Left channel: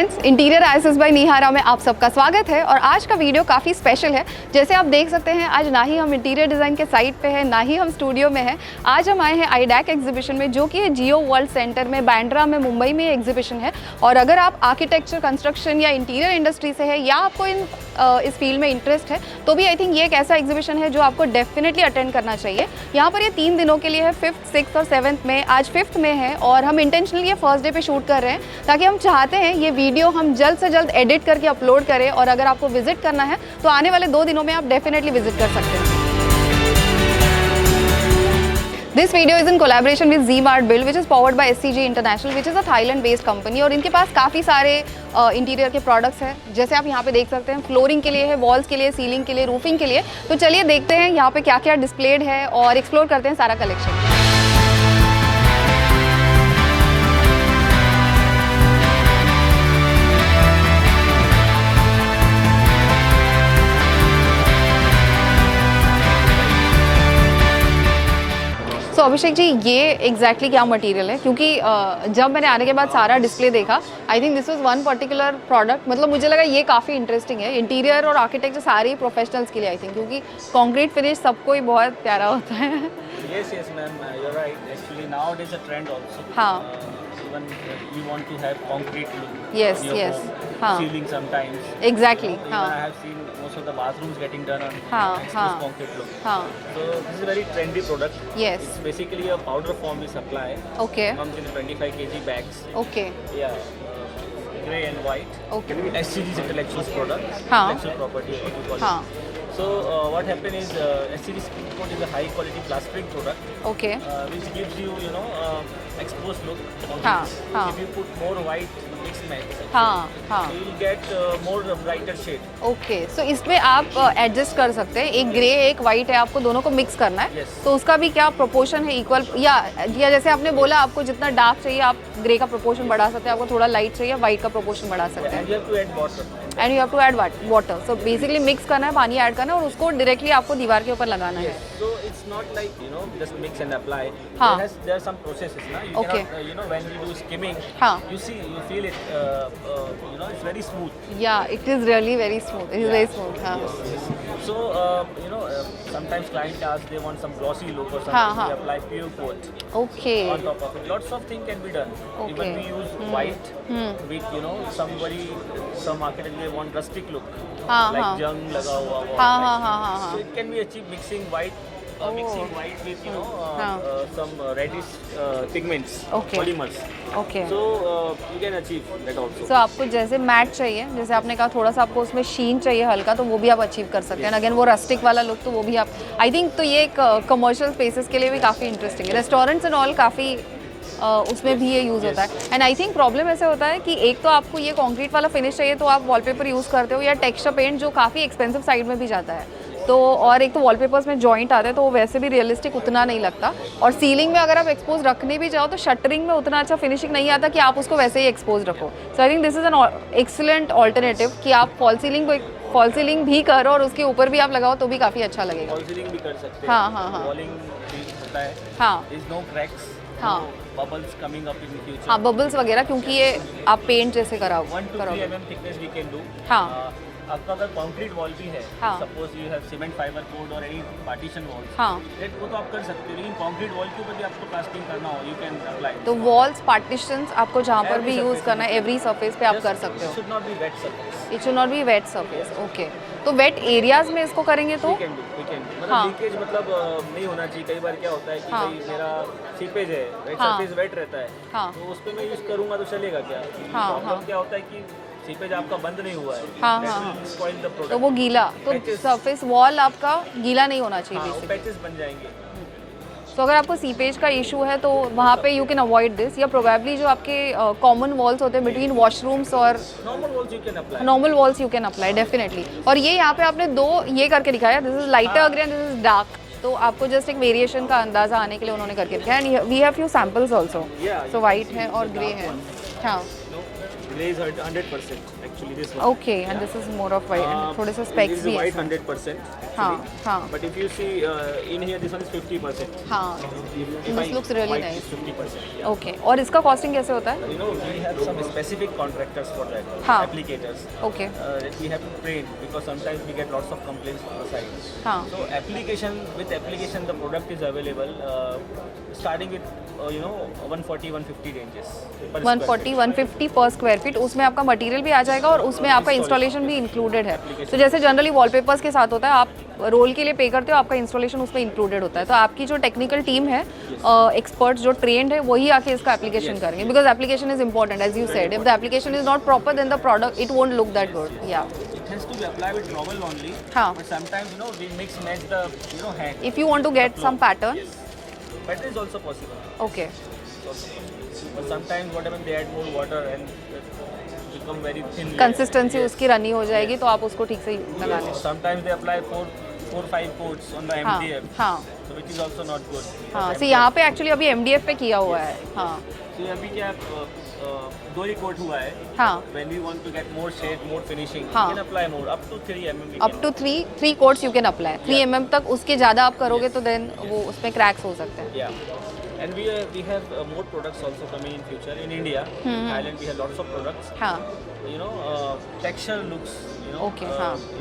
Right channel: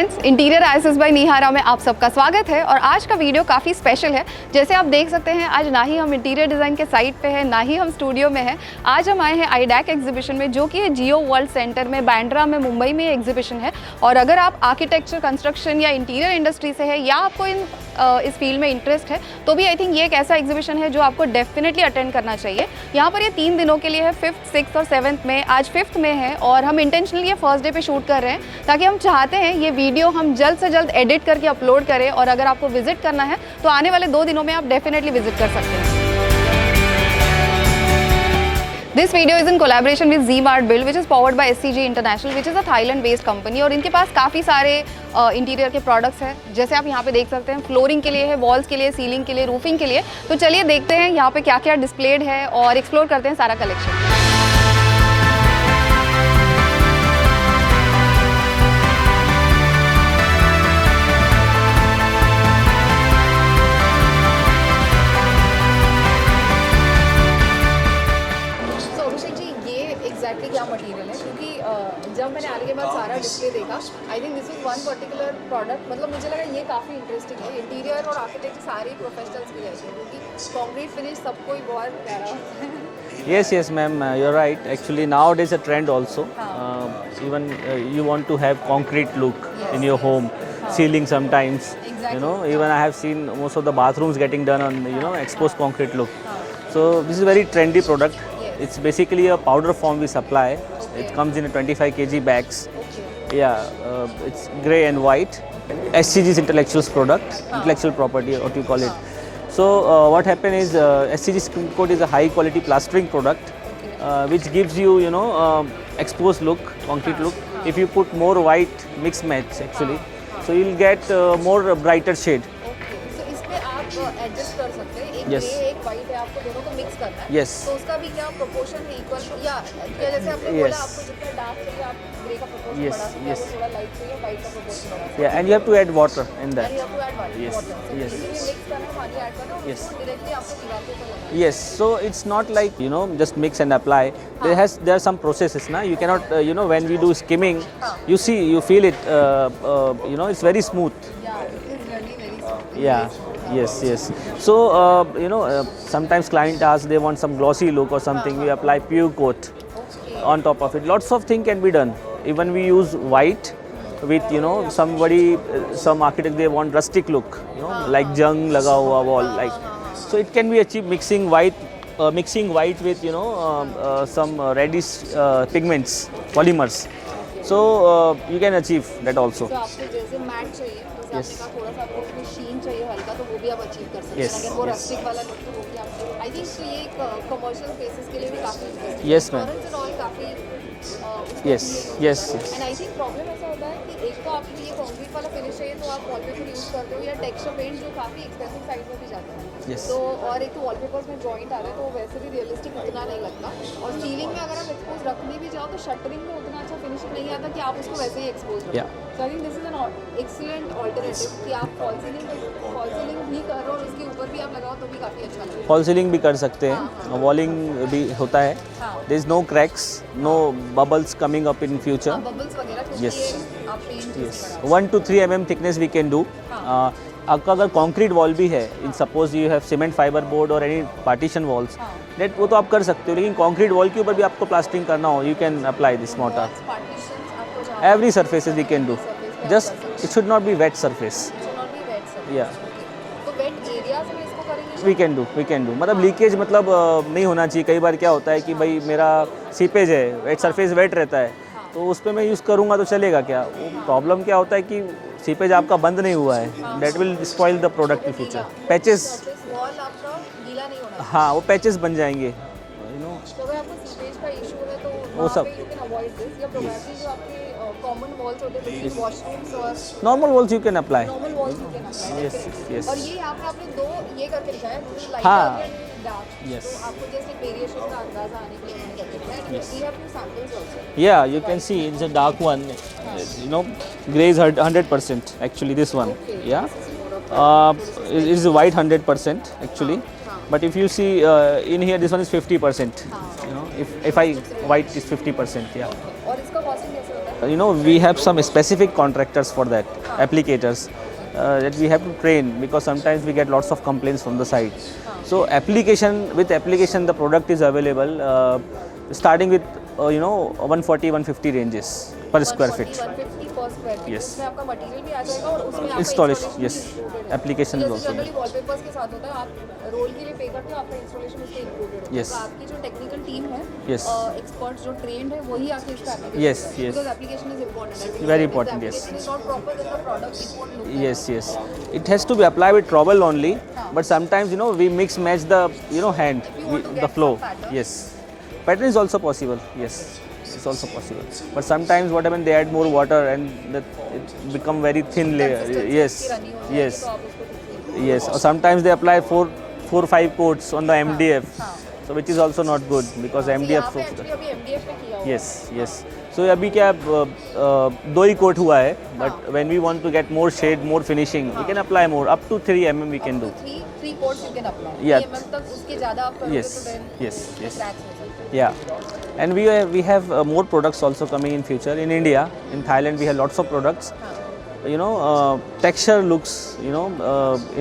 Friends, interior ISS bye निहारा में आप सबका स्वागत है। और आज का वीडियो काफ़ी स्पेशल है। जैसे आप देख सकते हैं, आज ना ही हम इंटीरियर डिज़ाइन के साइट पे हैं, ना ही हम स्टूडियो में हैं। आज हम आए हैं आईडैक एग्जीबिशन में, जो कि है जियो वर्ल्ड सेंटर में, बांद्रा में, मुंबई में एग्जीबिशन है। और अगर आप आर्किटेक्चर, कंस्ट्रक्शन या इंटीरियर इंडस्ट्री से है, या आपको इस फील्ड में इंटरेस्ट है, तो भी आई थिंक ये एक ऐसा एग्जीबिशन है जो आपको डेफिनेटली अटेंड करना चाहिए। यहाँ पर ये 3 दिनों के लिए है, 5th, 6th और 7th में। आज 5th में है और हम इंटेंशनली ये फर्स्ट डे पे शूट कर रहे हैं, ताकि हम चाहते हैं ये वीडियो हम जल्द से जल्द एडिट करके अपलोड करें। और अगर आपको विजिट करना है तो आने वाले 2 दिनों में आप डेफिनेटली विजिट कर सकते हैं। This video is in collaboration with Z-Mart Build, which is powered by SCG International, which is a Thailand-based company। और इनके पास काफ़ी सारे इंटीरियर के प्रोडक्ट्स हैं, जैसे आप यहाँ पे देख सकते हैं। फ्लोरिंग के लिए है, वॉल्स के लिए, सीलिंग के लिए, रूफिंग के लिए। तो चलिए देखते हैं यहाँ पे क्या क्या डिस्प्लेड है और एक्सप्लोर करते हैं सारा कलेक्शन। तो अभिषेक जी, ये एग्जैक्टली क्या मटेरियल है? क्योंकि जब मैंने आने के बाद सारा डिस्प्ले देखा, आई think this is one particular product, मतलब मुझे लगा ये काफ़ी इंटरेस्टिंग है। इंटीरियर और आर्किटेक्चर सारी प्रोफेशनल्स के लिए आई थिंक, क्योंकि कंक्रीट फिनिश सबको ही बहुत प्यारा होता है। Yes, ma'am. You're right. Actually, nowadays a trend also. Even you want to have concrete look in your home, ceiling sometimes. Exactly. Even I have seen most of the bathrooms getting done on exposed concrete look. So this is a very trendy product. Yes. It's basically a powder form we supply. Okay. It comes in a 25 kg bags. Okay. Yeah, it's grey and white. Okay. SCG's intellectual's product, intellectual property, what you call it. So what happened is SCG Spring Coat is a high quality plastering product, Okay. which gives you exposed look, concrete look. If you put more white mixed match actually, so you'll get more brighter shade. Okay, so इसमें आप एडजस्ट कर सकते हैं। एक ग्रे एक वाइट है, आपको दोनों को मिक्स करना है। Yes. तो उसका भी क्या प्रोपोर्शन है? इक्वल या जैसे आपने बोला, आपको जितना डार्क चाहिए आप ग्रे का प्रोपोर्शन बढ़ा सकते हैं, आपको थोड़ा लाइट चाहिए वाइट का प्रोपोर्शन बढ़ा सकते हैं। Yeah, and you have to add water in that. And you have to add water. So basically mix करना है, पानी ऐड करना है और उसको डायरेक्टली आपको दीवार के ऊपर लगाना है। Yes, so it's not like just mix and apply. There are some processes na. You cannot when we do skimming, you feel it. It's very smooth. Yeah, it is really very smooth. It is very smooth. Yes. So sometimes client asks they want some glossy look or something. We apply pure coat Okay. on top of it. Lots of things can be done. Even we use white with some architect they want rustic look, like jung laga hua wall so it can be achieved mixing white with some reddish pigments, polymers. Okay. So you can achieve that also. So आपको जैसे मैट चाहिए, जैसे आपने कहा थोड़ा सा आपको उसमें शीन चाहिए हल्का, तो वो भी आप अचीव कर सकते हैं। अगेन वो रस्टिक वाला लुक, तो वो भी आप आई थिंक, तो ये एक कमर्शियल स्पेसेस के लिए भी काफ़ी इंटरेस्टिंग है। रेस्टोरेंट्स एंड ऑल काफ़ी उसमें भी ये यूज़ होता है। एंड आई थिंक प्रॉब्लम ऐसे होता है कि एक तो आपको ये कंक्रीट वाला फिनिश चाहिए, तो आप वॉलपेपर यूज़ करते हो, या टेक्सचर पेंट जो काफ़ी एक्सपेंसिव साइड में भी जाता है। तो और एक तो वॉलपेपर्स में जॉइंट आते हैं, तो वो वैसे भी रियलिस्टिक उतना नहीं लगता। और सीलिंग में अगर आप एक्सपोज रखने भी जाओ, तो शटरिंग में उतना अच्छा फिनिशिंग नहीं आता कि आप उसको वैसे ही एक्सपोज रखो। So I think this is an excellent alternative कि आप फॉल सीलिंग भी करो और उसके ऊपर भी आप लगाओ, तो भी काफ़ी अच्छा लगेगा। फॉल सीलिंग भी कर सकते हैं, वॉलिंग भी होता है। There is no cracks, no bubbles coming up in future. Bubbles वगैरह, क्योंकि ये आप पेंट जैसे कराओ। 1 to 3 mm thickness we can do. आपका अगर कंक्रीट वॉल भी है, suppose you have cement fibre board और एनी पार्टीशन वॉल्स, वो तो आप कर सकते हो, लेकिन कंक्रीट वॉल के ऊपर भी आपको प्लास्टरिंग करना हो, you can apply this model. Walls partitions आपको जहां पर एवरी सरफेस पे आप कर सकते हो। It should not be wet surface. It should not be wet surface. Okay, तो वेट एरियाज में इसको करेंगे तो वी कैन डू मतलब लीकेज नहीं होना चाहिए। कई बार क्या होता है कि भाई मेरा सीपेज है, वेट सरफेस वेट रहता है, तो उस पर मैं यूज़ करूँगा तो चलेगा क्या? प्रॉब्लम क्या होता है कि सीपेज आपका बंद नहीं हुआ है, that will spoil the product. वो गीला पैचेस, सरफेस वॉल आपका गीला नहीं होना चाहिए। वो पैचेस बन जाएंगे। तो अगर आपको सीपेज का इशू है, तो वहाँ पे यू कैन अवॉइड दिस, या प्रोबेबली जो आपके कॉमन वॉल्स होते हैं बिटवीन वॉशरूम्स और normal walls you can apply definitely. और ये यहाँ पे आपने 2 ये करके दिखाया, this is lighter grey and this is dark, Yes. तो आपको जस्ट एक वेरिएशन का अंदाजा आने के लिए उन्होंने करके रखा है। And we have few samples also. Yeah, So you can white see है it's और a dark grey है। one. हाँ, You know, grey is 100% actually this one. Okay, Yeah. This is more of white, थोड़े से It स्पेक्स is white 100% actually. हाँ। But if you see in here, this one is 50%. हाँ, If I looks really white nice. is 50%. Yeah. Okay. और इसका कॉस्टिंग कैसे होता है? You know, we have some specific contractors for that, हाँ. applicators. Okay, That we have to train because sometimes we get lots of complaints from the site. हाँ, So with application the product is available starting with 140 150 ranges per square 140 feet. 150 पर square feet. Yes. उसमें आपका मटेरियल भी आ जाएगा और उसमें आपका Installation, installation भी yes. इंक्लूडेड है। Application तो जैसे also. जनरली वॉलपेपर्स के साथ होता है, आप रोल के लिए पे करते हो, आपका इंस्टॉलेशन उसमें इंक्लूडेड होता है। Yes. तो आपकी जो टेक्निकल टीम है, Yes. एक्सपर्ट्स जो ट्रेंड है, वही आके इसका एप्लीकेशन Yes, करेंगे, yes. Because application is important as you Very said. If the important, application is not proper then the product it won't look that Yes, good. yes. It has to be applied with trowel only. हाँ. But sometimes we mix match the hand. If you want to the get flow. some pattern. Yes, pattern is also possible. Yes. Okay. It's also possible. But sometimes what happens, they add more water and it become very thin layer. Consistency Yes. उसकी रनी हो जाएगी, Yes. तो आप उसको ठीक से Yes. Or sometimes they apply 4-5 coats on the MDF. हाँ. So which is also not good because हाँ, MDF. यहाँ पे एक्चुअली अभी MDF पे किया हुआ Yes, है। yes. So अभी क्या 2 ही कोट हुआ है. हाँ. But when we want to get more shade, more finishing, हाँ. we can apply more. Up to 3 mm we can up to do. 3 coats you can apply. 3 Yeah. mm तक, उसके ज़्यादा आप करोगे Yes. तो देन Yes. वो उसमें क्रैक्स हो सकते हैं। Yeah. And we have more products also coming in future. In India, in Thailand, we have lots of products. हाँ, Texture looks,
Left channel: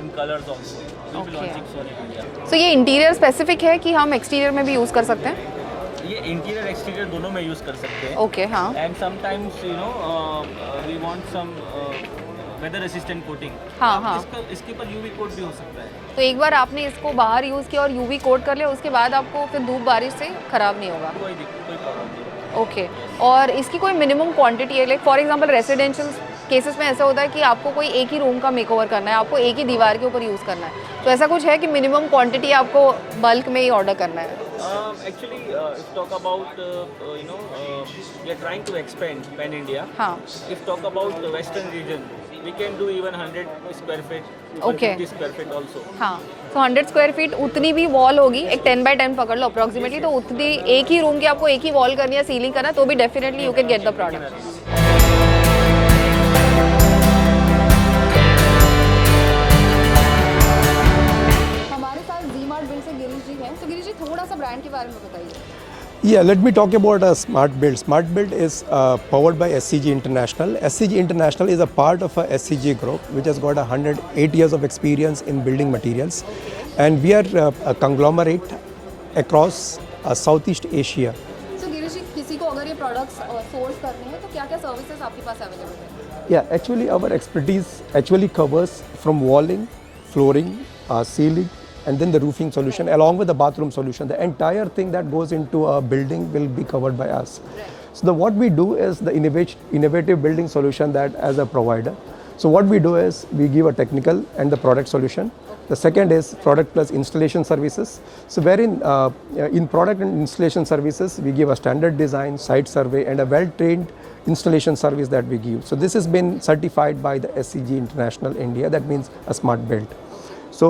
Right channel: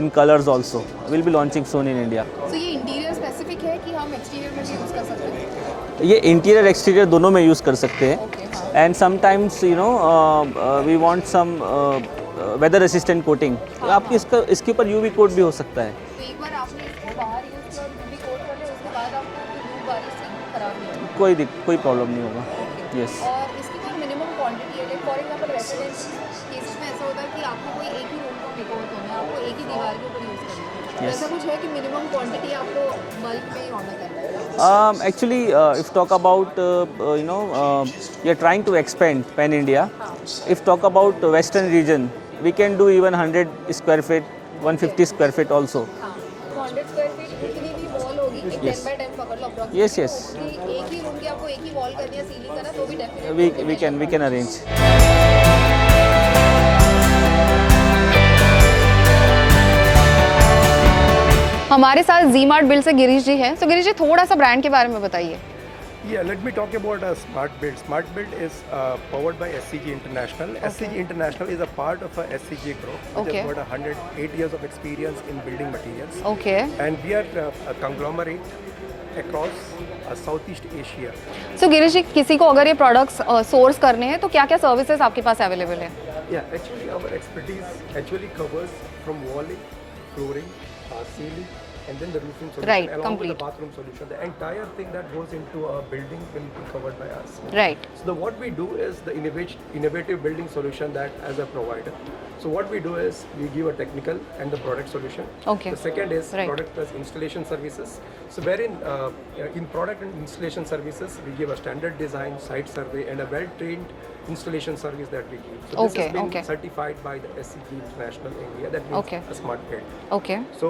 in colors also. We'll be launching soon in India. तो ये interior specific है कि हम एक्सटीरियर में भी यूज़ कर सकते हैं? ये इंटीरियर एक्सटीरियर दोनों में यूज़ कर सकते हैं. ओके, हाँ, And sometimes, we want some weather resistant coating. तो हाँ, आपकी इसके ऊपर UV कोट भी हो सकता है. तो एक बार आपने इसको बाहर यूज़ किया और यूवी कोट कर लिया, उसके बाद आपको फिर धूप बारिश से खराब नहीं होगा। कोई प्रॉब्लम नहीं होगा. Okay, Yes. और इसकी कोई मिनिमम क्वांटिटी है? Like for example residential cases में ऐसा होता है कि आपको कोई एक ही रूम का मेकओवर करना है, आपको एक ही दीवार के ऊपर यूज़ करना है, तो ऐसा कुछ है कि मिनिमम क्वांटिटी आपको बल्क में ही ऑर्डर करना है? Actually, if talk about, we are trying to expand pan India. हाँ, If talk about western region, we can do even 100 square feet, 150 square feet also. हाँ, तो 100 स्क्वायर फीट उतनी भी वॉल होगी, एक 10 बाय 10 पकड़ लो अप्रोक्सीमेटली, Yes, तो yes. उतनी एक ही रूम की आपको एक ही वॉल करनी है, सीलिंग करना है, तो भी definitely you can get the We can product. arrange. हमारे साथ जी मार्ट बिल्ड से गिरीश जी हैं। तो गिरीश जी, थोड़ा सा ब्रांड के बारे में बताइए। Yeah, let me talk about Smart Build. Smart Build is powered by SCG International. SCG International is a part of a SCG group which has Okay. got 108 years of experience in building materials. Okay, And we are a conglomerate across Southeast Asia. सो गिरीश जी, किसी को अगर ये products source करने हैं तो क्या क्या सर्विसेज आपके पास अवेलेबल है? Yeah, actually our expertise actually covers from walling, flooring, ceiling, and then the roofing solution Right, along with the complete. bathroom solution. The entire thing that goes into a building will be covered by us. Right, So what we do is the innovative building solution that as a provider. So what we do is we give a technical and the product solution. Okay. The second is Right. product plus installation services. So wherein in product and installation services we give a standard design, site survey, and a well-trained installation service that we give. So this has Okay, been okay. certified by the SCG International India. That means Okay. a smart build. Okay, So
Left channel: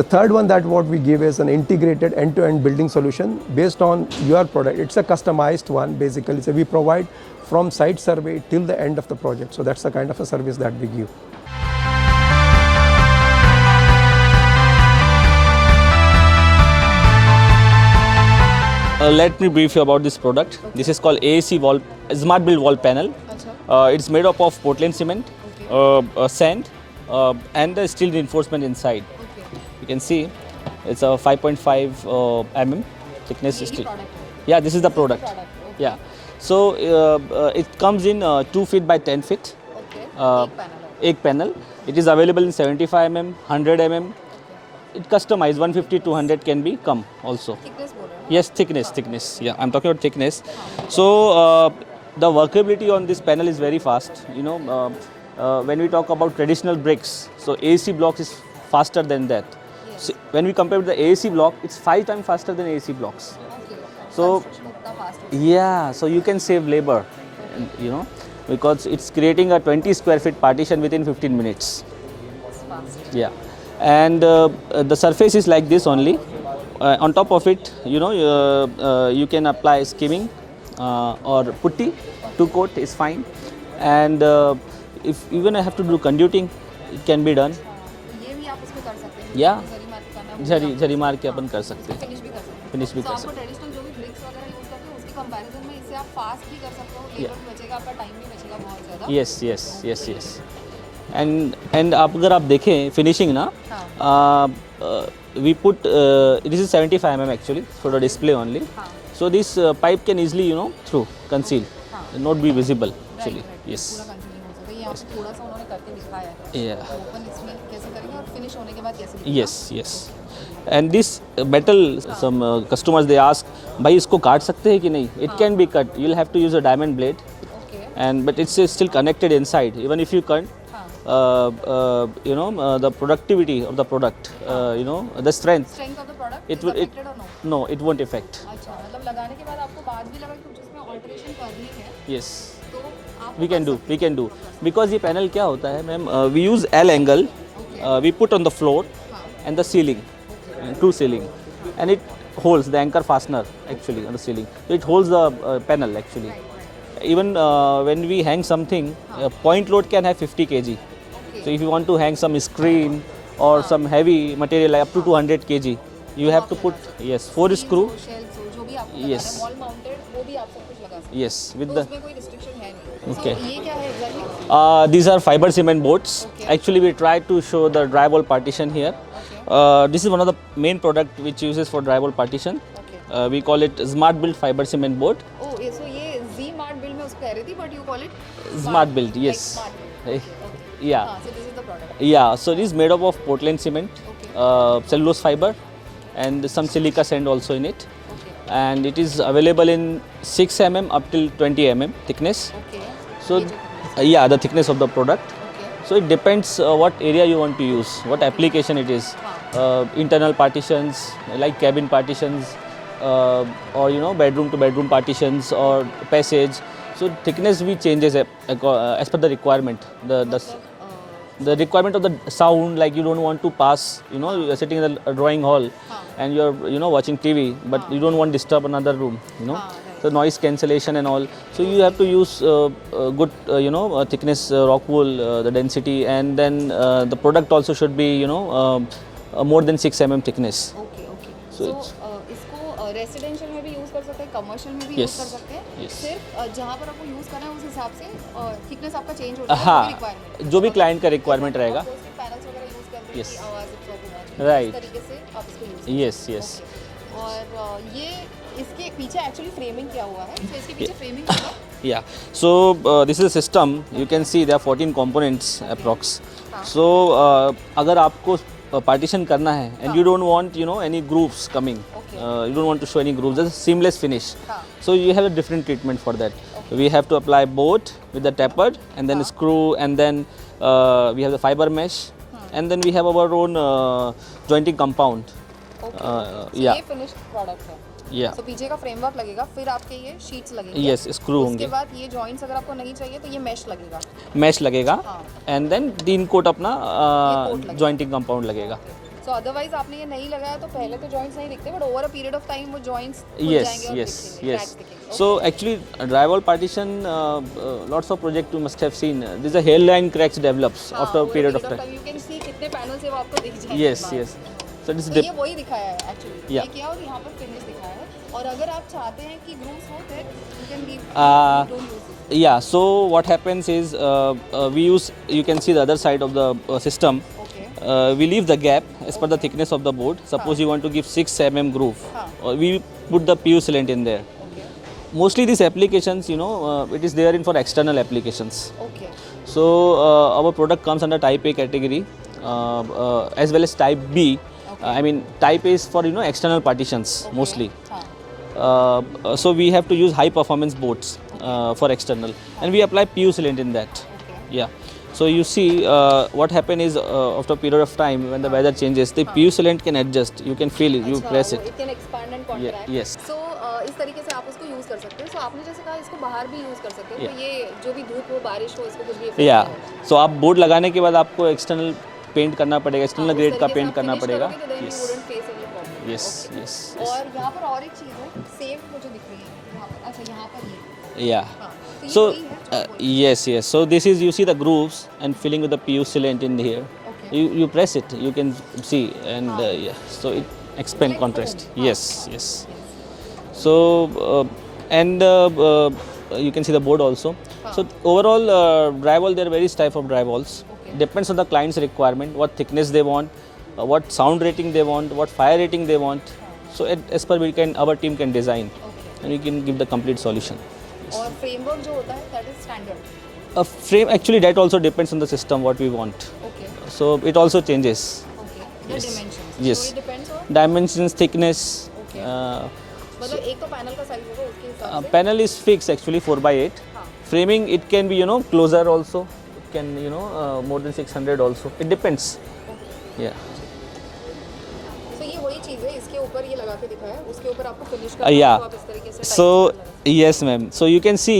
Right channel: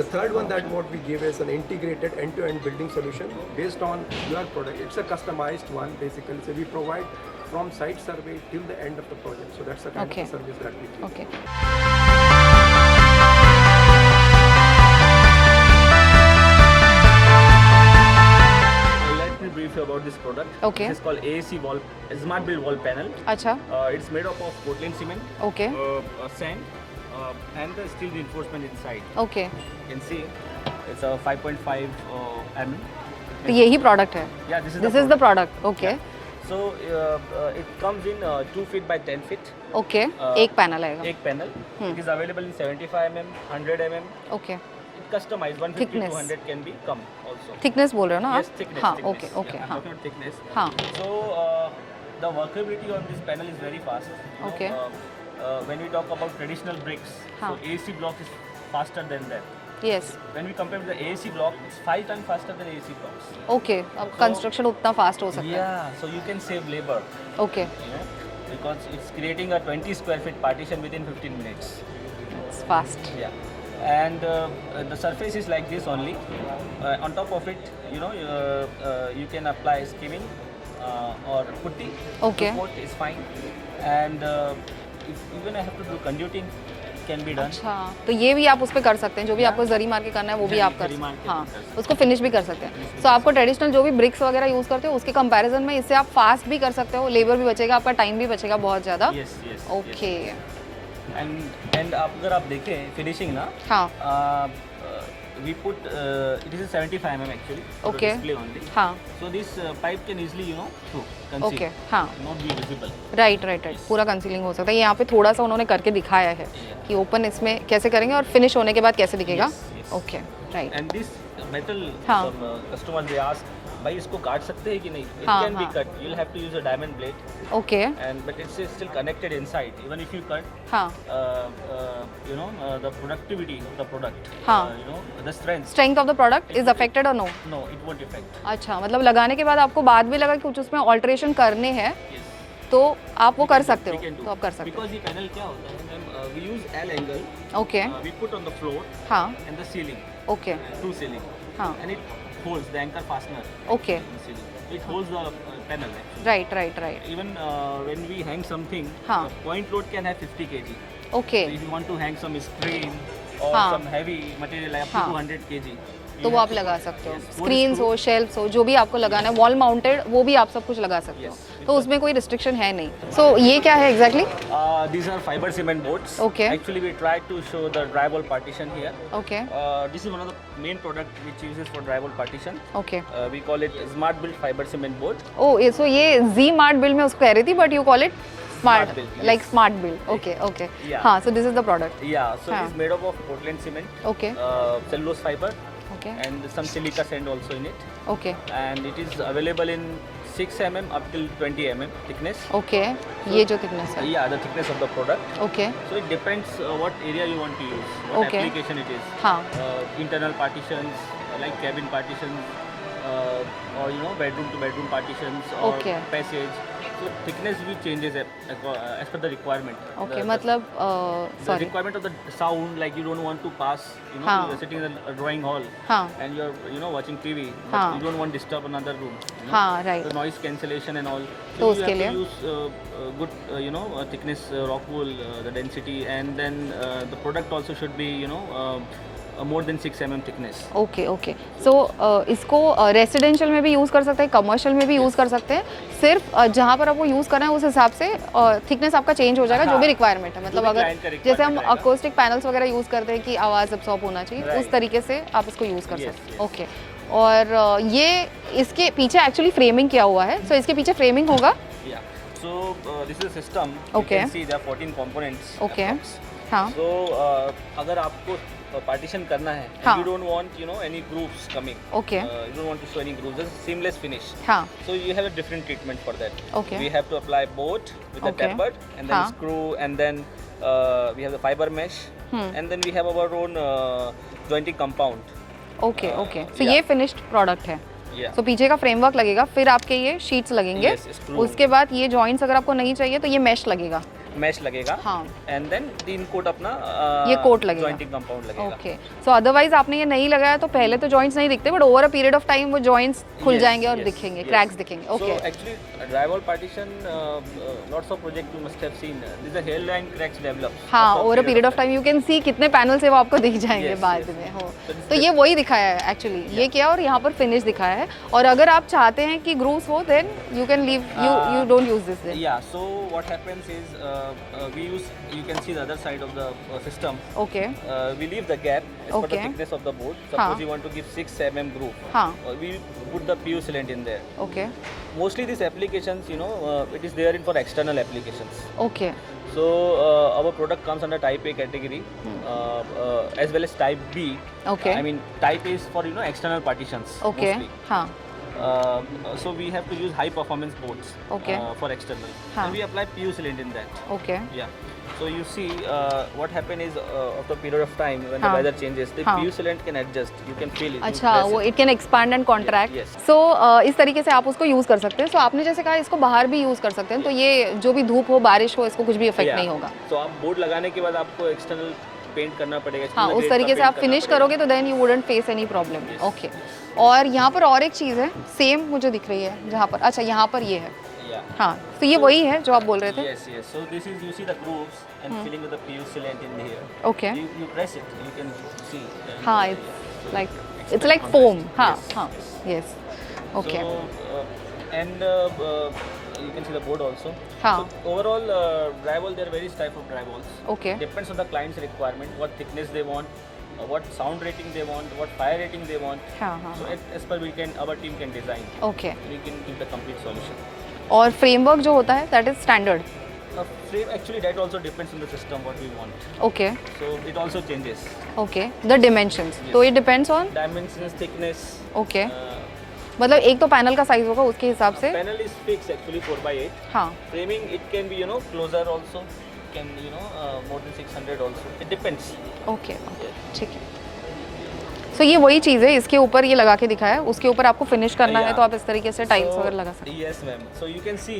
the third one that what we give is an integrated end-to-end building solution based on your product. It's a customized one basically. So we provide from site survey till the end of the project. So that's the kind of Okay. a service that we give. Okay. Let me brief you about this product. Okay. This is called AAC wall, Smart Build wall panel. अच्छा, It's made up of Portland cement, okay, sand, and the steel reinforcement inside. Okay, You can see it's a 5.5 mm thickness. यही steel. Product है? Yeah, this is the this is the product. Product, okay, Yeah. So it comes in 2 feet by 10 feet. Okay, Uh, एक पैनल आएगा, Egg panel. It is available in 75 mm, 100 mm. Okay. It customized 150 Thickness. 200 can be come also. Thickness बोल रहे हो ना? Yes, आप? thickness, हाँ, thickness. okay, Yeah, okay, I'm हाँ, talking about thickness. हाँ, So the workability on this panel is very fast. Okay. When we talk about traditional bricks, so AC blocks is faster than that. yes, So when we compare with the AC block, it's 5 times faster than AC blocks. Okay, अब So- construction उतना फास्ट हो सकता Yeah, so you can save labor, है, okay, because it's creating a 20 square feet partition within 15 minutes. Fast, Yeah, and the surface is like this only. on top of it, you know, you can apply skimming or putty. Okay. To coat is fine. And if even I have to do conduiting, it can be done. हाँ, तो ये भी आप उस पे कर सकते हैं, जो भी Yeah. आपको जरी मार के करना है वो भी आप जरी मार के अपन कर सकते हैं। उसको फिनिश भी कर सकते हैं। Finish भी तो कर आपको ट्रेडिशनल जो भी ब्रिक्स वगैरह यूज करते हो उसके कंपैरिजन में इससे आप फास्ट भी कर सकते हो, लेबर भी बचेगा, आपका टाइम भी बचेगा बहुत ज़्यादा। Yes, yes, yes, Okay. yes. And आप अगर आप देखें finishing ना, हाँ, we put this is 75 mm actually for the Okay. display only. हाँ, So this pipe can easily, you know, conceal, Okay, हाँ. not be visible. Right right Yes. पूरा कंसीलिंग हो सकता है। यहाँ पे थोड़ा सा उन्होंने करके दिखाया है Yeah. कि ओपन इसमें कैसे करेंगे और फिनिश होने के बाद कैसे दिखेगा। Yes, yes. Okay, right. And this metal, हाँ. some customers they ask, भाई इसको काट सकते हैं कि नहीं? It हाँ, can be हाँ. cut. You'll have to use a diamond blade, okay, and but it's still connected inside. Even if you cut, हाँ, you know, the productivity of the product, हाँ. you know, the strength. Strength of the product It is will- affected और no? No, it won't affect. अच्छा, मतलब लगाने के बाद आपको बाद भी लगा कि कुछ उसमें ऑल्टरेशन करने हैं Yes. तो आप वो We कर can do. सकते हो। We can do. तो आप कर सकते Because ये panel क्या होता है, ma'am? We use L angle. हो। Okay, We put on the floor हाँ, and the ceiling, okay, true ceiling, हाँ, and it holds the anchor fastener actually Okay. on the ceiling. So it holds the panel actually. Right right right, Even when we hang something, हाँ. point load can have 50 kg. Okay, So if you want to hang some screen or हाँ. some heavy material like up to हाँ. 200 kg, you तो वो have आप to लगा put सकते हो। yes 4 Screens screw. हो, shelves हो, जो भी आपको लगाना है, Yes. वॉल माउंटेड वो भी आप सब कुछ लगा सकते हो। Yes, with तो the- उसमें कोई रिस्ट्रिक्शन है नहीं। सो ये क्या है exactly? These are fiber cement boards. Okay. Actually, we tried to show the drywall partition here. Okay, This is one of the main product which uses for drywall partition. Okay. We call it Smart Build fiber cement board. ओ ये सो ये G mart build में उसको कह रही थी, but you call it Smart build, yes. Like smart build. Okay, okay, Yeah. हाँ, so this is the product. Yeah, so हाँ. this is made up of Portland cement, okay, cellulose fiber, okay, and some silica sand also in it. Okay, And it is available in 6 mm up till 20 mm thickness. Okay, So- ये जो thickness. Yeah, the thickness of the product. Okay, So it depends what area you want to use, what Okay. application it is. हाँ. Internal partitions, like cabin partitions, or you know, bedroom to bedroom partitions or Okay. passage. So thickness we changes as per the requirement. Okay, मतलब The requirement of the sound, like you don't want to pass, you know, हाँ. you're sitting in a drawing hall हाँ. and you're, you know, watching TV, but हाँ. you don't want to disturb another room, you know. हाँ, right. So noise cancellation and all. तो So you उसके have to लिए? use good, you know, thickness rock wool, the density, and then the product also should be, you know, more than 6 mm thickness. Okay, okay. So इसको residential में भी यूज़ कर सकते हैं, कमर्शियल में भी यूज़ Yes. कर सकते हैं। सिर्फ जहाँ पर आपको यूज़ करना है उस हिसाब से थिकनेस आपका चेंज हो जाएगा, जो हाँ, भी रिक्वायरमेंट है। जो भी अगर- client का requirement जैसे हम रहेगा। अकोस्टिक पैनल्स वगैरह यूज़ करते हैं कि आवाज़ अब्सॉर्ब होना चाहिए, तो उस Right. तरीके से आप इसको यूज़ कर Yes, सकते हैं। yes. ओके, और ये इसके पीछे एक्चुअली फ्रेमिंग किया हुआ है, तो इसके पीछे फ्रेमिंग होगा। Yeah. So this is a system. You Okay. can see there are 14 components Okay. approx. हाँ. So अगर आपको partition करना है and हाँ. you don't want, you know, any grooves coming. Okay. You don't want to show any grooves. Just seamless finish. हाँ, So you have a different treatment for that. Okay. We have to apply bolt with the Okay. tapered and then हाँ. screw, and then we have the fiber mesh, and then we have our own jointing compound. Okay, okay. सो yeah. ये finished product है। Yeah. तो पीछे का फ्रेमवर्क लगेगा, फिर आपके ये शीट्स लगेंगे। Yes, screw उसके होंगे। बाद ये जॉइंट्स अगर आपको नहीं चाहिए तो ये मैश लगेगा। Mesh लगेगा, हाँ। and then 3 coat अपना ये coat लगेगा। jointing compound लगेगा. ओके, सो अदरवाइज आपने ये नहीं लगाया तो पहले तो जॉइंट्स नहीं दिखते, but over a period of time वो जॉइंट्स खुल Yes, जाएंगे और yes, दिखेंगे, yes. क्रैक्स दिखेंगे। So okay, actually, drywall partition, lots of project you must have seen. These are hairline cracks develops हाँ, after a over a period period of of time. Time you can सी कितने पैनल से वो आपको दिख जाएंगे Yes, बाद yes. में। हो So this is तो the- ये वही दिखाया है एक्चुअली, ये Yeah. किया और यहाँ पर फिनिश दिखाया है। और अगर आप चाहते हैं कि ग्रूव्स हो, then you can leave, you don't use this. Yeah. So what happens is we use. You can see the other side of the system. Okay, We leave the gap as per the Okay. thickness of the board. Suppose हाँ. you want to give 6 mm groove. हाँ. We put the PU sealant in there. Okay, Mostly these applications, you know, it is there in for external applications. Okay, So our product comes under Type A category, as well as Type B. Okay. I mean, Type A is for, you know, external partitions okay, mostly. हाँ, So we have to use high performance boards Okay. for external, हाँ. and we apply PU sealant in that. Okay, Yeah. So you see, what happen is after a period of time when the हाँ. weather changes, the हाँ. PU sealant can adjust. You can feel it. You अच्छा, press वो it. It can expand and contract. yes. सो इस तरीके से आप उसको यूज़ कर सकते हैं। सो आपने जैसे कहा इसको बाहर भी यूज़ कर सकते हैं, तो ये जो भी धूप हो, बारिश हो, इसको कुछ भी इफेक्ट नहीं होगा। So आप बोर्ड लगाने के बाद आपको एक्सटर्नल पेंट करना पड़ेगा, हाँ, एक्सटर्नल उस ग्रेड का तरीके से पेंट आप करना फिनिश पड़ेगा। करोगे तो then you wouldn't face any problem. Yes, okay. yes, और यहाँ पर और एक चीज़ है सेम मुझे दिख रही है जहाँ पर, अच्छा यहाँ पर ये है, Yeah. हाँ तो ये वही है जो आप बोल रहे थे। Yes, yes. So this is, you see the grooves and filling with the PU sealant in here. Okay. You press it, you can see, and हाँ, yeah. So like, it it's expand like contrast. foam। हाँ, Yes, हाँ, yes. yes। So you can see the board also. हाँ। So overall drywall, there are various type of drywalls. Okay. Depends on the client's requirement, what thickness they want, what sound rating they want, what fire rating they want. हाँ, हाँ। So as per our team can design, okay. and we can give the complete solution. और फ्रेमवर्क जो होता है that is standard. A frame, actually that also depends on the system what we want. Okay So it also changes. Okay the dimensions, Yes. So it depends on. Dimensions, thickness. Okay, मतलब एक तो पैनल का साइज होगा उसके हिसाब से। Panel is fixed actually 4x8. हाँ Framing, it can be, closer also. It can, more than 600 also. It depends. Okay Yeah. ठीक है। सो ये वही चीज़ है, इसके ऊपर ये लगा के दिखाया, उसके ऊपर आपको फिनिश करना है तो आप इस तरीके से टाइल्स So लगा सकते yes, ma'am. So you can see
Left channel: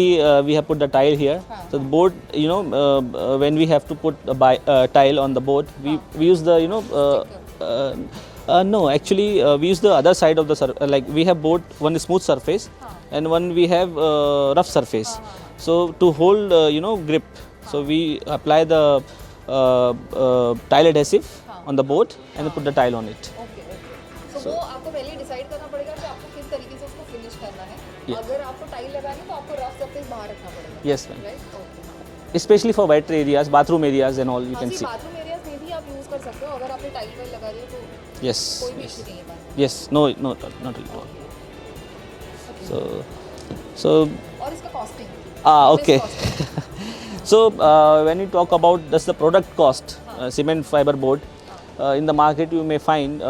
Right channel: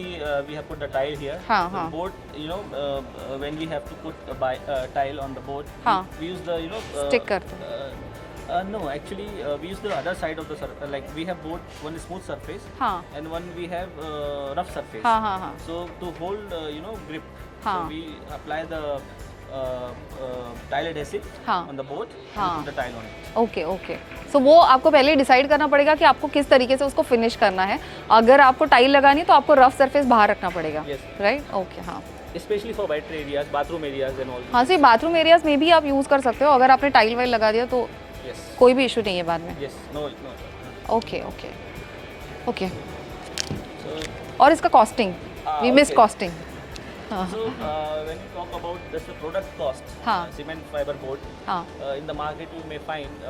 we have put the tile here. हाँ, So हाँ। board, when we have to put a tile on the board, हाँ। we use the Sticker. No, actually we use the other side of the like we have board, one is smooth surface हाँ। and one we have rough surface. हाँ, हाँ, हाँ। So to hold grip, so हाँ। we apply the tile adhesive हाँ। on the board and we हाँ। put the tile on it. Okay okay. So वो आपको पहले डिसाइड करना पड़ेगा कि आपको किस तरीके से उसको फिनिश करना है। अगर आपको टाइल लगानी है तो आपको रफ सरफेस बाहर रखना पड़ेगा। Yes, ma'am. Right, okay. हाँ Especially for wet areas, bathroom areas and all. you हाँ can जी, see. बाथरूम एरियाज में भी आप यूज़ कर सकते हो, अगर आपने टाइल वाइल लगा दिया तो Yes. कोई भी इशू नहीं है बाद में। Yes. No, not really. Okay okay okay. So, और इसका costing, Ah, miss okay. Costing. so when you talk about that's the product cost, हाँ. cement fiber board. हाँ In the market, you may find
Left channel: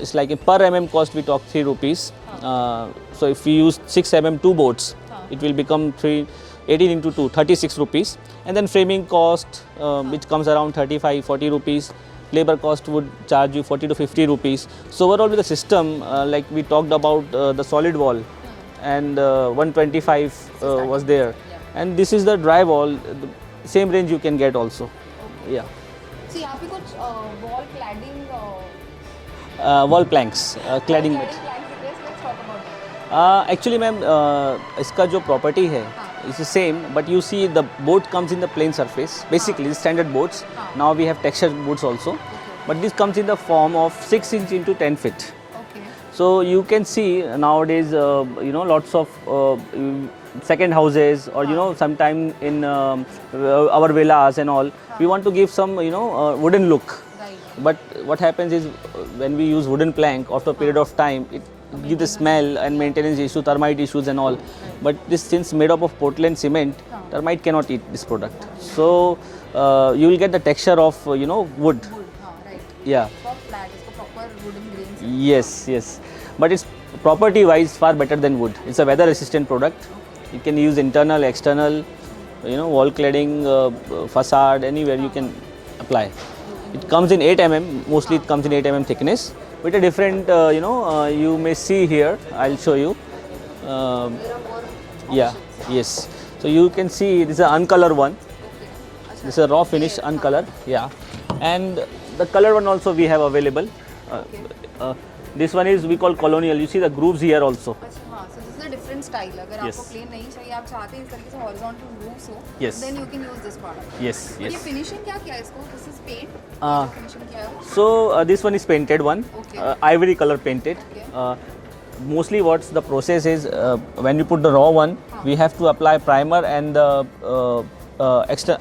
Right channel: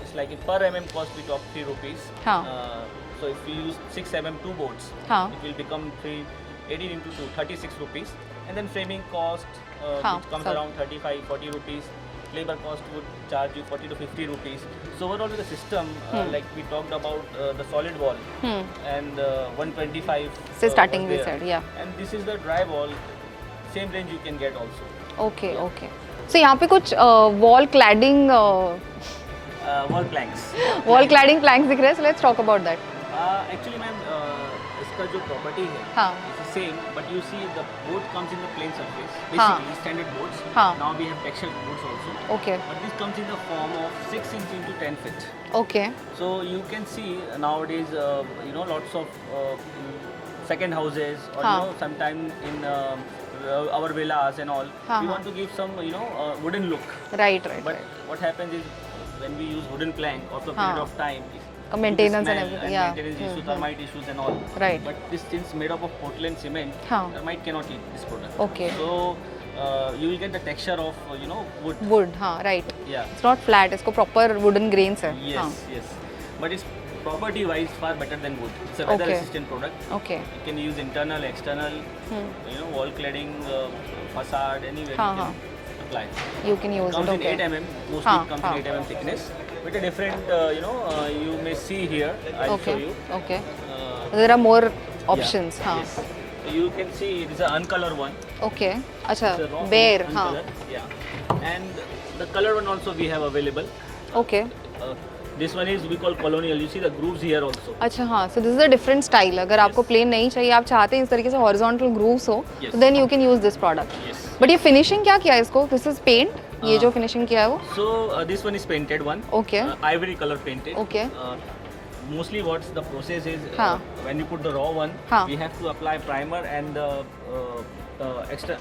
it's like per mm cost we talk 3 rupees. हाँ. So if we use 6 mm 2 boards, हाँ. it will become 18 into 2, 36 rupees. And then framing cost, हाँ. which comes around 35, 40 rupees. Labor cost would charge you 40 to 50 rupees. So overall with the system, like we talked about the solid wall and 125 So starting was this there. side, yeah. And this is the drywall, the same range you can get also. Okay Yeah. Okay. So यहाँ पे कुछ wall cladding Wall planks. Wall cladding. Cladding planks दिख रहे हैं, so let's talk about that. Actually, ma'am, इसका जो property है, हाँ. it's the same, but you see the board comes in the plain surface. Basically, standard boards. हाँ. Now we have textured boards also. Okay But this comes in the form of 6 inch into 10 feet. Okay So you can see nowadays, lots of second houses or हाँ. sometime in our villas and all. हाँ. We want to give some wooden look. Right right. But what happens is when we use wooden plank, after a period हाँ. of time, it gives the maintenance smell and- and yeah. maintenance issue, termite issues and all. Right. But this since made up of Portland cement, हाँ. termite cannot eat this product. Okay. So you will get the texture of wood. Wood, हाँ right. Yeah. It's not flat, इसको proper wooden grains है। Yes, yes. But it's property wise far better than wood. It's a weather Okay. resistant product. Okay You can use internal, external, wall cladding, facade, anywhere you हाँ, can apply. You can use. Comes in 8 mm, mostly हाँ, it comes in हाँ. 8 mm thickness with a different, you may see here, I'll show you. Okay, Uh, there are more yeah, options. yes. So you can see this is an uncolor one. Okay अच्छा, It's a raw finish, bare, हाँ. uncolor. Yeah. And the color one also we have available. Okay Uh, this one is we call colonial. You see the grooves here also. अच्छा हाँ, so this is a different style. अगर आपको Yes. Plane नहीं चाहिए, आप चाहते हैं इस तरीके से हॉरिजॉन्टल ग्रूव्स हो, Yes. Then you can use this product. Yes. But ये फिनिशिंग क्या किया है इसको? दिस इज पेंट, ये जो फिनिशिंग किया है वो। So this one is painted one. Okay. Ivory color painted. Okay. Mostly what's the process is हाँ. when you put the raw one, हाँ. we have to apply primer and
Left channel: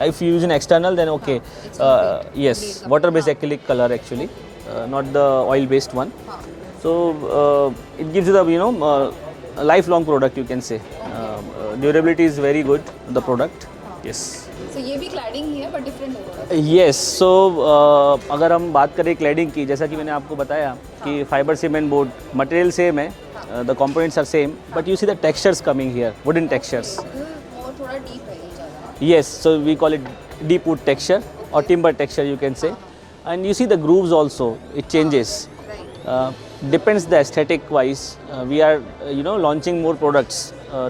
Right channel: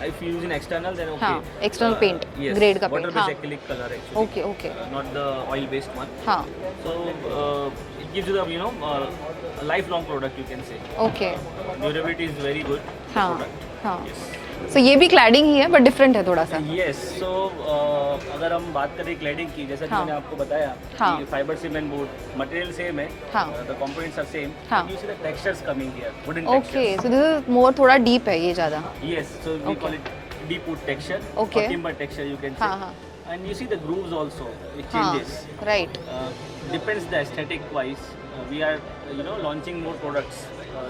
if you use an external then okay. हाँ, external paint, Yes. grade का Water based paint, हाँ. acrylic color actually. Okay, okay. Not the oil based one. हाँ So it gives you the lifelong product you can say. Okay. Durability is very good. The हाँ. product. हाँ। Yes. सो ये भी क्लैडिंग ही है but different है थोड़ा सा। Yes, so अगर हम बात करें क्लैडिंग की, जैसा कि हाँ. मैंने आपको बताया हाँ. कि fibre cement board material same है, हाँ. द कंपोनेंट्स आर सेम, हाँ. But you see the textures coming here, wooden okay, textures. So this is more थोड़ा डीप है ये ज़्यादा। Yes, so we call it deep wood texture or Okay. timber texture you can say. हाँ, हाँ. And you see the grooves also, it changes. Right Depends the aesthetic wise. We are, launching more products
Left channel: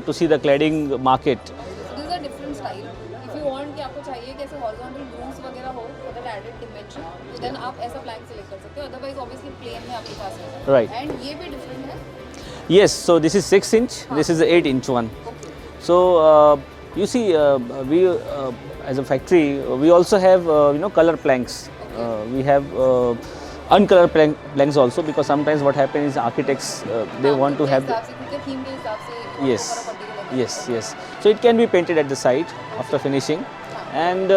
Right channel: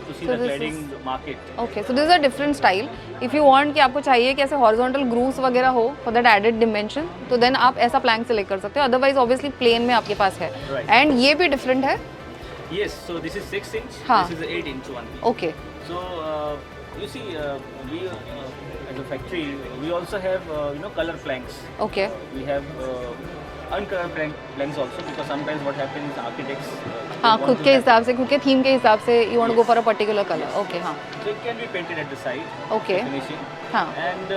to see the cladding market. Okay so this is a different style if you want कि आपको चाहिए कि ऐसे horizontal grooves वगैरह हो for that added dimension तो देन आप ऐसा प्लैंक सेलेक्ट कर सकते हो अदरवाइज ऑब्वियसली प्लेन में आपके पास है Right. एंड ये भी डिफरेंट है Yes, so this is 6 inch, this is the 8 inch one. Okay So you see, we as a factory, we also have color planks. Okay. We have uncolored planks also, because sometimes what happens is architects they हाँ want खुद to के have हिसाब से खुद के थीम के हिसाब से you want to go for a particular colour yes, okay yes. So it can be painted at the side after Okay. finishing, हाँ. and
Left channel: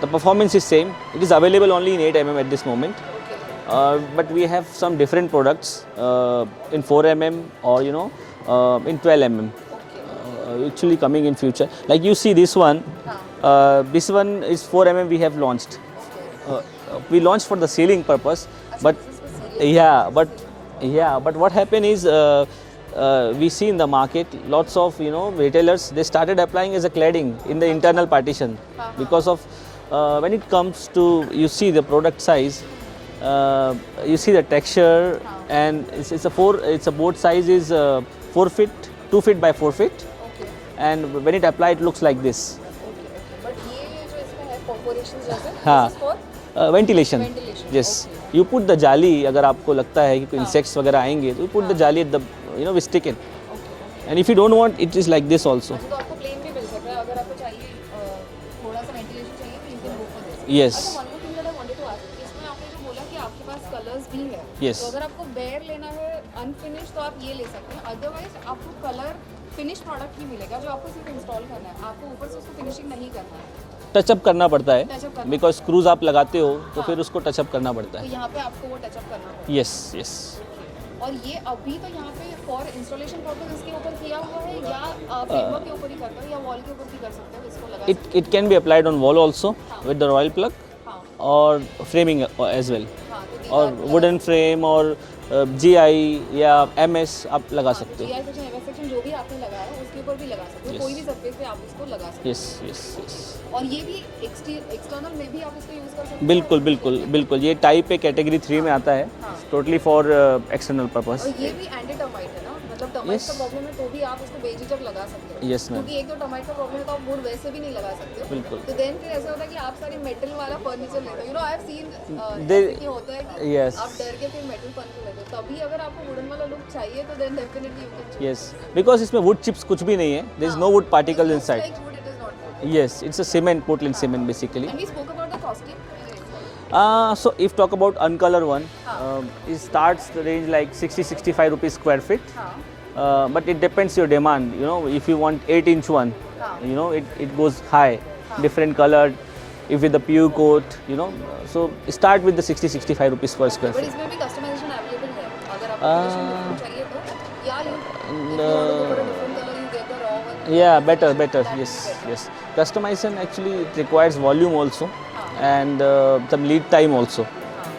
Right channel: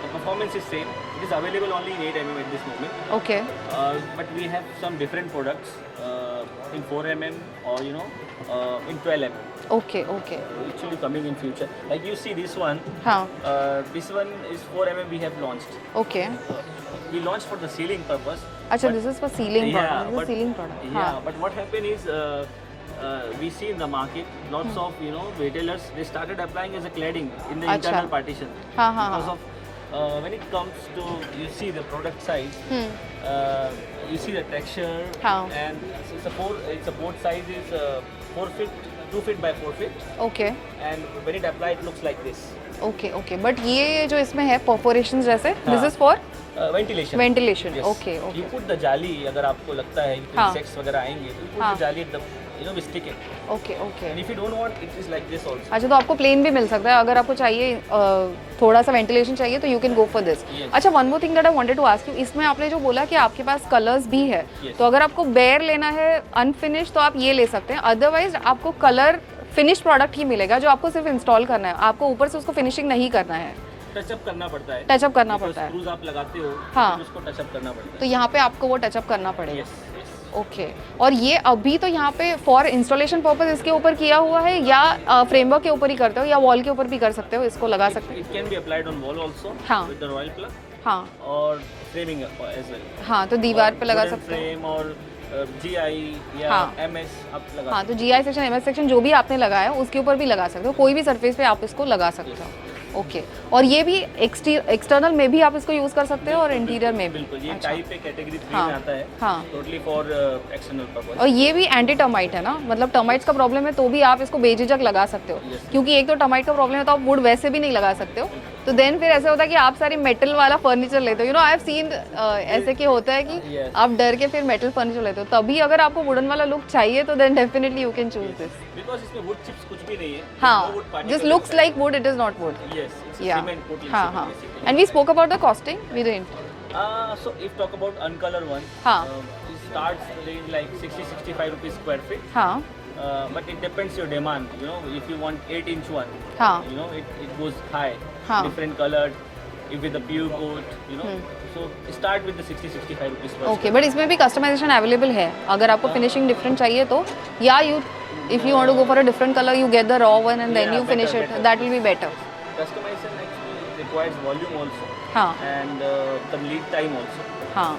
the performance is same. It is available only in 8 mm at this moment. Okay But we have some different products in 4 mm or in 12 mm. Okay okay Actually coming in future. Like you see this one. हाँ This one is 4 mm we have launched. Okay We launched for the ceiling purpose. अच्छा but this is for ceiling yeah, but ceiling product yeah, but what happened is we see in the market lots of retailers, they started applying as a cladding in the internal partition हाँ, हाँ, because of when it comes to you see the product size. You see the texture, हाँ. and it's a board size is 4 feet, 2 feet by 4 feet, okay and when it applied it looks like this. Okay okay but ये जो इसमें है परफोरेशंस जैसे हाँ. This is for Ventilation. Ventilation, Yes. okay, okay. You put the जाली, अगर आपको लगता है कि कोई हाँ. insects वगैरह आएंगे, तो you put हाँ. the जाली at the we stick it. Okay okay And if you don't want, it is like this also. अच्छा तो आपको प्लेन भी मिल सकता है अगर आपको चाहिए थोड़ा सा वेंटिलेशन चाहिए तो you can go for this Yes. अच्छा one more thing that I wanted to ask you इसमें आपने जो बोला कि आपके पास कलर्स भी है Yes. तो अगर आपको बेयर लेना है अनफिनिश तो आप ये ले सकते हैं अदरवाइज आपको कलर फिनिश प्रोडक्ट ही मिलेगा जो आपको सिर्फ इंस्टॉल करना है आपको ऊपर से उसको फिनिशिंग नहीं करना है टचअप करना पड़ता है. टचअप करना Because पड़ता है screws आप लगाते हो, तो हाँ. फिर उसको टचअप करना पड़ता तो है. यहाँ पे आपको वो टचअप करना पड़ेगा Yes, yes. ओके और ये अभी तो यहाँ पे फॉर इंस्टॉलेशन पर्पस इसके ऊपर किया हुआ है या फ्रेमवर्क के ऊपर ही करते हो या वॉल के ऊपर भी कर सकते हो इसको लगा सकते It can be applied on wall also हाँ. with the royal plug हो हाँ or framing as well. हाँ तो दीवार पे और लगा wooden सकते हो frame और GI या हाँ. MS आप लगा हाँ तो सकते GI सेक्शन MS सेक्शन जो भी आपने लगाया उसके ऊपर भी लगा सकते हो कोई भी सरफेस पे आप इसको लगा सकते हो. Yes, हो yes. ओके और ये भी एक्सटर्नल में भी आप इसको यूज कर सकते हो और बिल्कुल इंटीरियर बिल्कुल में भी बिल्कुल ये टाइप पे कैटेगरी 3 में हाँ, आता है. हाँ. Totally for external purpose. और ये भी एंटी टर्माइट है ना मतलब टर्माइट्स का प्रॉब्लम है तो भी आप इसको बेझिझक लगा सकते हो Yes, ma'am. क्योंकि एक तो टर्माइट का प्रॉब्लम है तो आप वुड वैसे भी नहीं लगा सकते हो बिल्कुल. तो देन फिर ऐसा होता है कि आप सारी मेटल वाला फर्नीचर लेते हो आई हैव सीन ऐसे कि होता है कि Yes. आप डर के फिर मेटल फर्नीचर लेते हो तभी अगर आपको वुडन वाला लुक चाहिए तो then definitely you can choose Yes, this because इसमें wood chips कुछ भी नहीं है. There is no wood this particles looks inside. Like wood it is not wood Yes, it's a cement, Portland cement basically. And we spoke about the costing we didn't So if talk about uncolor one, हाँ. it starts the range like 60-65 rupees square feet. हाँ But it depends your demand. If you want 8-inch one, हाँ it goes high, हाँ. different colored. If with the pure coat, so start with the 60-65 rupees per okay square but feet. इसमें भी customization available है अगर आपको finishing different चाहिए तो या you if you want to go for a different colour you get the raw one and then Yeah, you better, finish it better. That will yes, be better yes. Customization actually it requires volume also, हाँ and some lead time also. हाँ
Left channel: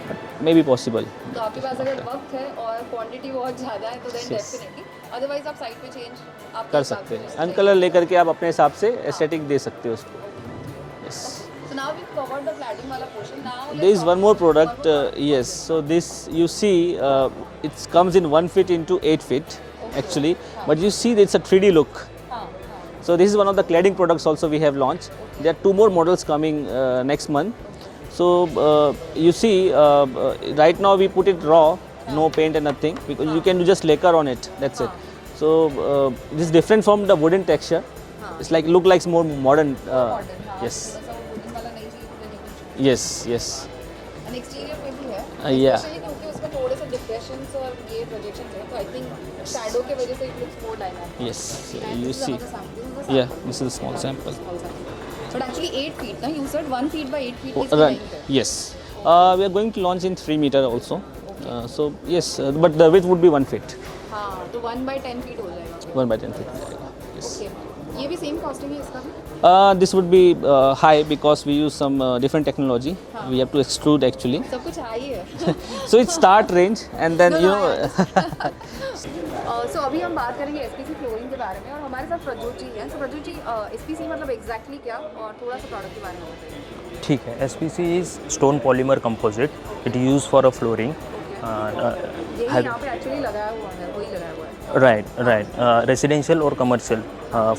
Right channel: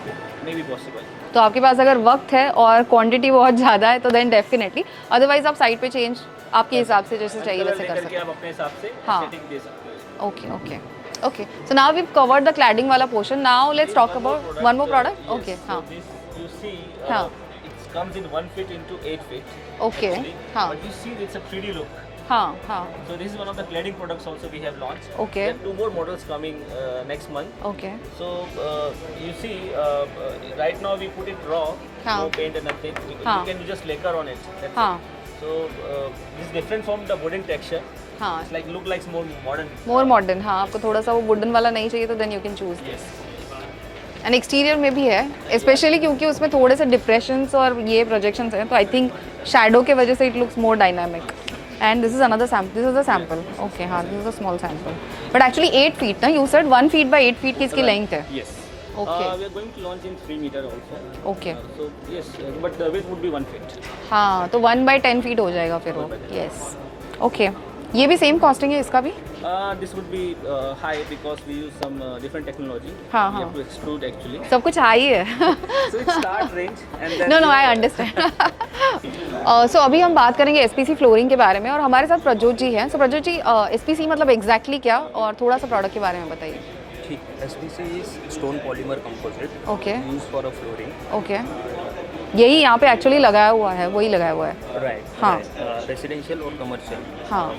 Maybe possible. तो आपके पास अगर वक्त है और क्वांटिटी बहुत ज़्यादा है तो देन डेफिनेटली अदरवाइज आप साइड पे चेंज आपके हिसाब से जैसे चाहिए कलर वैसे लेकर कर के आप अपने हिसाब से एस्थेटिक दे सकते हो उसको. सकते हो। Okay okay okay so now we covered the cladding वाला portion now There let's is talk one more about product. One more product Yes. So this you see, it comes in 1 feet into 8 feet Okay. actually. हाँ. But you see, it's a 3D look. हाँ हाँ So this is one of the cladding products also we have launched. Okay. There are 2 more models coming next month. Okay So you see, right now we put it raw, हाँ. no paint and nothing, because हाँ. you can do just lacquer on it. That's हाँ. it. So this is different from the wooden texture. हाँ It's like look like more modern. मोर मॉडर्न हाँ yes. आपको थोड़ा सा वो वुडन वाला नहीं चाहिए तो then you can choose Yes, yes. And exterior में भी है yeah. स्पेशली क्योंकि उसमें थोड़े से डिप्रेशंस और ये प्रोजेक्शंस हैं तो आई थिंक शैडो के वजह से it looks more dynamic Yes. And this is another sample this is a sample this is a okay small हाँ this sample. Is a small sample but actually 8 feet ना you said 1 feet by 8 feet की इसकी Right. Length है Yes. Okay. We are going to launch in 3 meter also. Okay. So yes, but the width would be 1 feet. हाँ तो 1 बाय 10 फीट हो जाएगा फिर 1 by 10. Yes okay ये भी सेम कॉस्टिंग है इसका भी This would be high because we use some different technology. हाँ, We have to extrude actually. सब कुछ हाई है So it's start range and then no no I you know, understand so अभी हम बात करेंगे एसपीसी फ्लोरिंग के बारे में और हमारे साथ प्रज्योत जी हैं सो प्रज्योत जी एसपीसी मतलब एग्जैक्टली क्या और थोड़ा सा प्रोडक्ट के बारे में बताइए ठीक है, SPC is stone polymer composite, Okay. It use for a flooring. Okay, यही यहाँ पे एक्चुअली लगाया हुआ है, वही लगाया हुआ है। राइट, रेसिडेंशियल और commercial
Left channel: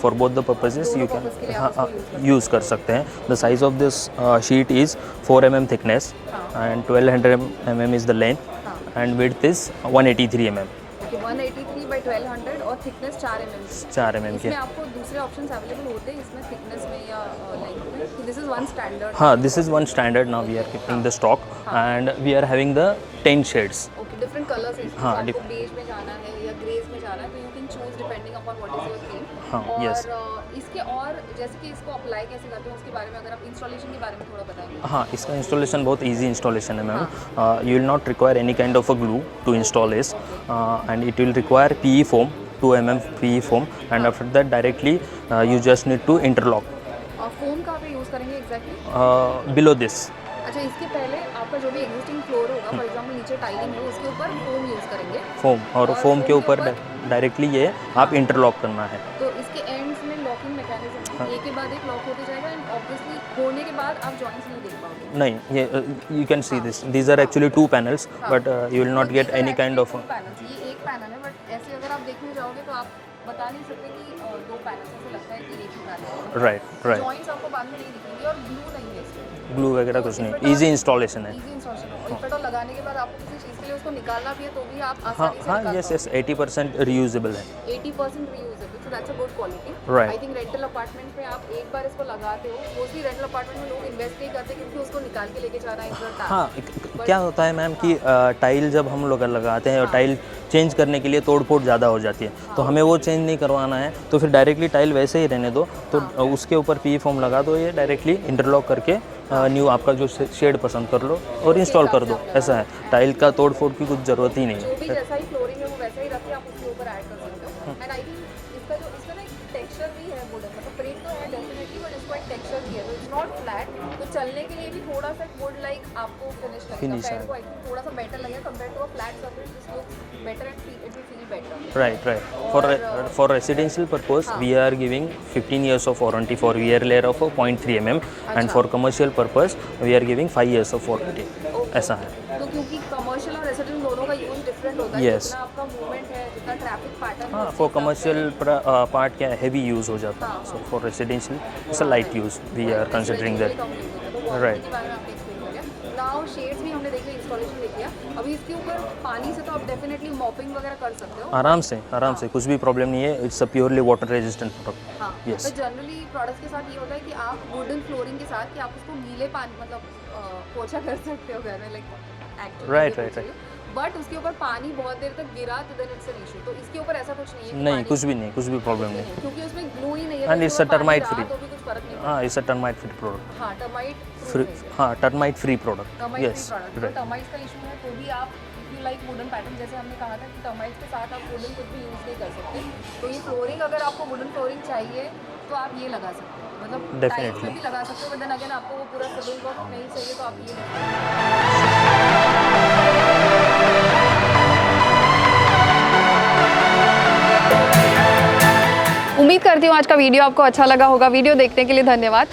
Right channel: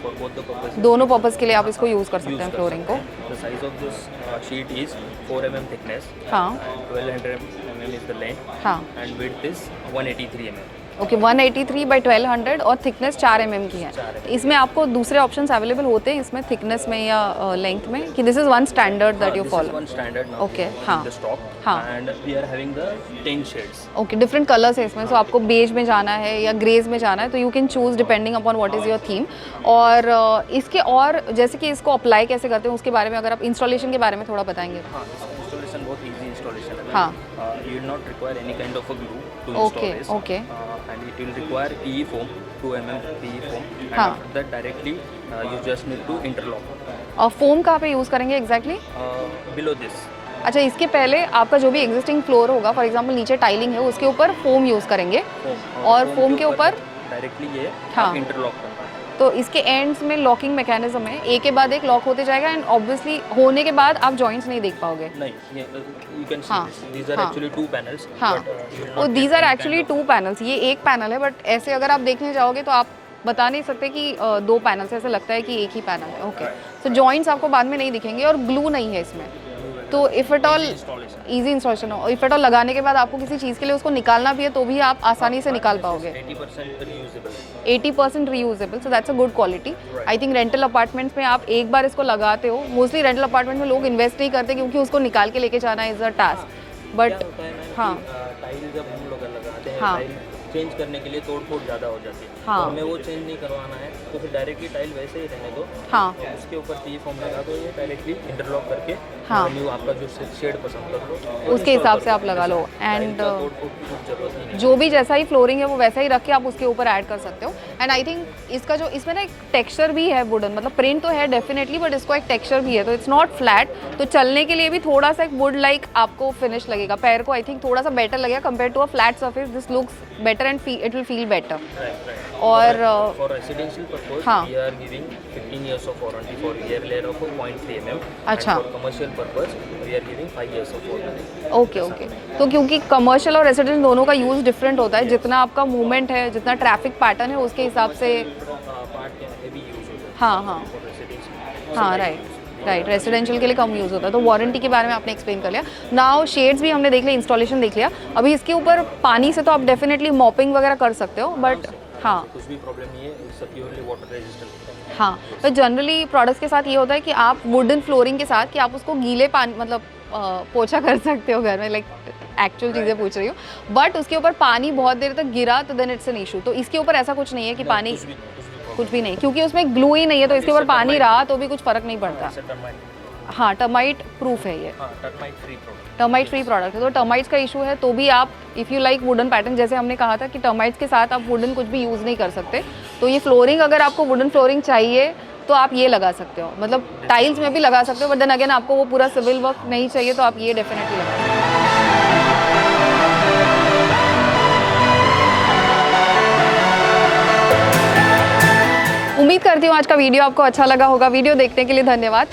for both the purposes, दोनों पर्पस के लिए आप इसको यूज़ कर सकते हैं। The size of this sheet is 4 mm thickness and 1200 mm is the length हाँ, and width is 183 mm। Okay, 183 by 1200 और थिकनेस 4 mm की है। 4 mm इसमें आपको दूसरे ऑप्शंस अवेलेबल होते हैं इसमें थिकनेस में या लेंथ में, कि दिस इज वन स्टैंडर्ड? हाँ, this is one standard now Okay, in the stock and we are having the 10 shades. Okay, different colours है इसमें, तो आपको बेज में जाना है या ग्रेज में जाना है तो you can choose depending upon what is your theme. और इसके और जैसे कि इसको अप्लाई कैसे करते हैं उसके बारे में अगर आप इंस्टॉलेशन के बारे में थोड़ा बताएंगे। हाँ, इसका इंस्टॉलेशन बहुत इजी इंस्टॉलेशन है ma'am. You will not require any kind of a glue to install this and it will require PE foam, 2 mm PE foam, and after that directly you just need to interlock. और फोम कहाँ पे यूज करेंगे exactly? Below this. अच्छा, इसके पहले आपका जो भी एग्जिस्टिंग फ्लोर होगा, फॉर एग्जांपल नीचे टाइलिंग है, उसके ऊपर फोम यूज करेंगे। फोम और फोम के ऊपर डायरेक्टली ये आप इंटरलॉक करना है। तो इसके एंड्स में लॉकिंग मैकेनिज्म है, एक के बाद एक लॉक होते जाएगा एंड ऑब्वियसली होने के बाद आप जॉइंट्स नहीं देख पाओगे। नहीं, ये you can see this, these are actually 2 panels but you will not get these are any actually kind of 2 panels. ये एक पैनल है बट ऐसे अगर आप देखने जाओगे तो आप बता नहीं सकते कि 2 पैनल्स, ऐसे लगता है कि एक ही पैनल है। राइट, तो जॉइंट्स आपको बाद में नहीं दिखेंगे और ग्लू नहीं है इसमें, ग्लू वगैरह तो if at all easy installation है। इजी इंस्टॉलेशन हो, इफ एट ऑल लगाने के बाद आपको किसी चीज़ के लिए उसको निकालना भी है तो भी आप आसानी से निकाल पाओगे। 80% रीयूजेबल है। 80% reusable, so that's a good quality. Right. I think rental apartments में आप एक बार इसको लगाते हो, मोस्टली रेंटल अपार्टमेंट में लोग इन्वेस्ट नहीं करते क्योंकि उसको निकाल के लेके जाना इज अ टास्क। क्या होता है मैम कि टाइल जब हम लोग लगाते हैं और टाइल चेंज करने के लिए तोड़-फोड़ ज़्यादा हो जाती है, तो हमें वो चेंज नहीं करवाना है, तो फिर डायरेक्टली टाइल वैसे ही रहने दो, तो उसके ऊपर PE फोम लगा दो, ये डायरेक्टली इंटरलॉक करके न्यू आपका जो शेड पसंद कर लो और इंस्टॉल कर दो। ऐसा है, टाइल का तोड़-फोड़ की कुछ ज़रूरत ही नहीं। जो भी जैसा ही फ्लोरिंग है वो वैसा ही रख के आप उसके ऊपर ऐड कर सकते हो। एंड आई थिंक इसका जो इसमें ना एक टेक्सचर भी है वुडन, मतलब प्रिंट तो है डेफिनेटली बट इसको एक टेक्सचर भी है, तो इट्स नॉट फ्लैट, तो चलने के लिए भी थोड़ा सा एक वुड लाइक आपको फिनिश लगेगा, पैर को आई थिंक थोड़ा सा बेटर लगेगा compare to a flat surface. This looks better and it will feel better. Right. और for residential purpose, we are giving 15 years of warranty for rear layer of 0.3 mm, and for commercial purpose we are giving 5 years of warranty. Okay, तो क्योंकि कमर्शियल और रेसिडेंशियल दोनों का use different होता है, जितना आपका मूवमेंट है, जितना ट्रैफिक पैटर्न है उसके हिसाब से पार्ट क्या हेवी यूज हो जाता है। For residential its light use, right, residential के लिए कम यूज होता है। तो वारंटी के बारे में आपने एक्सप्लेन कर लिया। नाउ शेड्स भी हमने देख लिया, इंस्टॉलेशन देख लिया। अभी इसके ऊपर पानी से तो आप डेफिनेटली मॉपिंग वगैरह कर सकते हो आराम से, कुछ भी प्रॉब्लम नहीं है। It's a purely water resistant product. हाँ, तो जनरली प्रोडक्ट्स के साथ ये होता है कि आप वुडन फ्लोरिंग के साथ कि आप उसको गीले पानी मतलब पोछा कर सकते हो घर में, लाइक एक्चुअल चीजें पूछ रही हूँ, बट उसके ऊपर पानी बहुत देर तक गिरा तो देन इट्स एन इशू। तो इसके ऊपर ऐसा कुछ नहीं है कि पानी कुछ भी नहीं, क्योंकि उसमें ग्लू ही नहीं है, तो इसके ऊपर पानी रहा तो भी कुछ फर्क नहीं पड़ता। It's a termite free product. हाँ, टर्माइट प्रूफ है ये। हाँ, termite free product. Termite free product है, तो टर्माइट्स का इशू है तो भी आप if you like wooden pattern, जैसे हमने कहा था कि टर्माइट्स के साथ आप वुडन कुछ भी यूज़ नहीं कर सकते, तो ये फ्लोरिंग अगर आपको वुडन फ्लोरिंग चाहिए तो आप ये लगा सकते हो, मतलब टाइल्स में भी लगा सकते हो, बट देन अगेन आपको वो पूरा सिविल वर्क नहीं चाहिए तो आप ये डेफिनेटली लगा। उम्मीद करती हूँ आज का वीडियो आपको अच्छा लगा होगा। वीडियो देखने के लिए धन्यवाद।